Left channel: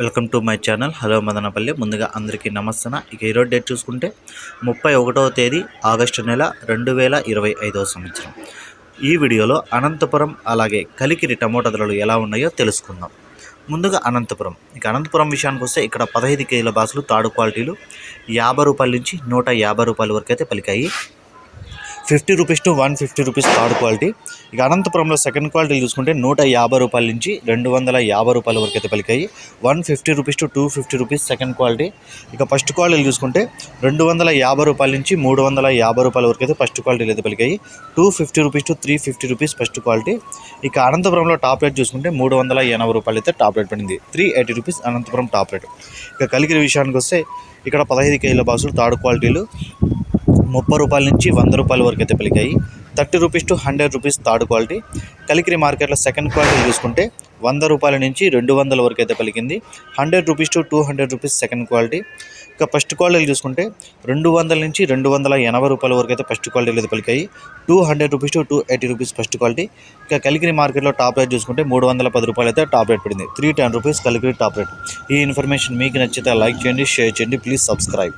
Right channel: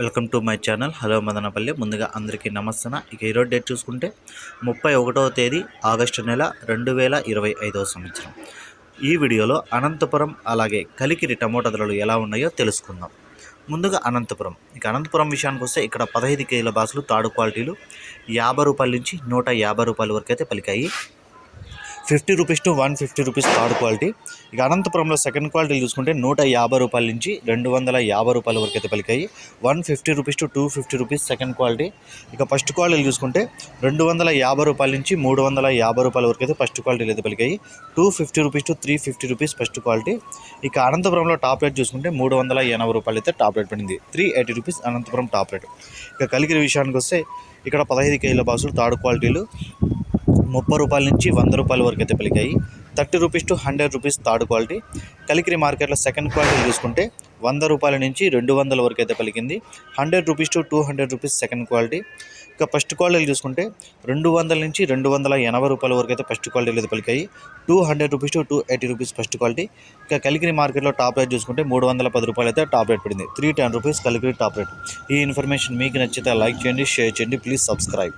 Welcome to my channel. Hello Madanapalle. ముందుగా అందరికీ నమస్తన. ఇక ఈరోజు డేట్ చూసుకుంటే ముప్పై ఒకటవ తేదీ ఆగస్టు నెల రెండు వేల ఇరవై ఐదవ సంవత్సరం. ఈ వీడియోలో అనంతపురం అలాగే కలికిరి టమోటా ధరలు ఎలా ఉన్నాయో తెలుసుకుందాం. ముందుగా అనంతపురం. ఇక అనంతపురం విషయానికి వస్తే ఇక్కడ పదహైదు కేజీల బాసులు తాడు క్వాలిటీలు యాభై రూపాయల నుంచి నూట యాభై రూపాయల వరకు అయితే పలికాయి. Fifty rupees to one fifty rupees third quality. ఇక అనంతపురంలో సెకండ్ క్వాలిటీ చూసుకుంటే నూట యాభై రూపాయల నుంచి రెండు వందల యాభై రూపాయల వరకు అయితే పలికాయి. One fifty rupees to two fifty rupees second quality ఇక ఫస్ట్ క్వాలిటీ చూసుకుంటే రెండు వందల యాభై రూపాయల నుంచి మూడు వందల యాభై రూపాయల వరకు అయితే ఫస్ట్ క్వాలిటీలు అయితే పలికాయి. Two fifty rupees to three fifty rupees first quality ఇక అనంతపురంలో టాప్ రేట్ చూసుకుంటే మూడు వందల ఎనభై రూపాయలు అయితే టాప్ రేట్ పడింది. Three eighty rupees Anantapur top rate ఇక కలిగిరి విషయానికి వస్తే ఇక్కడ పదహైదు కేజీల బాసులు థర్డ్ క్వాలిటీలు ముప్పై రూపాయల నుంచి వంద రూపాయల వరకు అయితే పలికాయి. Thirty rupees to hundred rupees third quality. Kalikiri మార్కెట్లో సెకండ్ క్వాలిటీ చూసుకుంటే వంద రూపాయల నుంచి రెండు వందల వరకు అయితే పలికింది. Hundred rupees to two hundred rupees second quality. ఇక ఫస్ట్ క్వాలిటీ చూసుకుంటే రెండు వందల నుంచి రెండు వందల ఎనభై రూపాయల వరకు అయితే ఫస్ట్ క్వాలిటీలు అయితే పలికాయి. Two hundred rupees to two eighty rupees first quality. ఇక కలికిరి మార్కెట్లో టాప్ రేట్ చూసుకుంటే మూడు వందల పది రూపాయలు అయితే టాప్ రేట్ పడింది. Three ten rupees Kalikiri top rate. ఈ ఇన్ఫర్మేషన్ మీకు నచ్చితే లైక్ చేయండి షేర్ చేయండి. Please subscribe.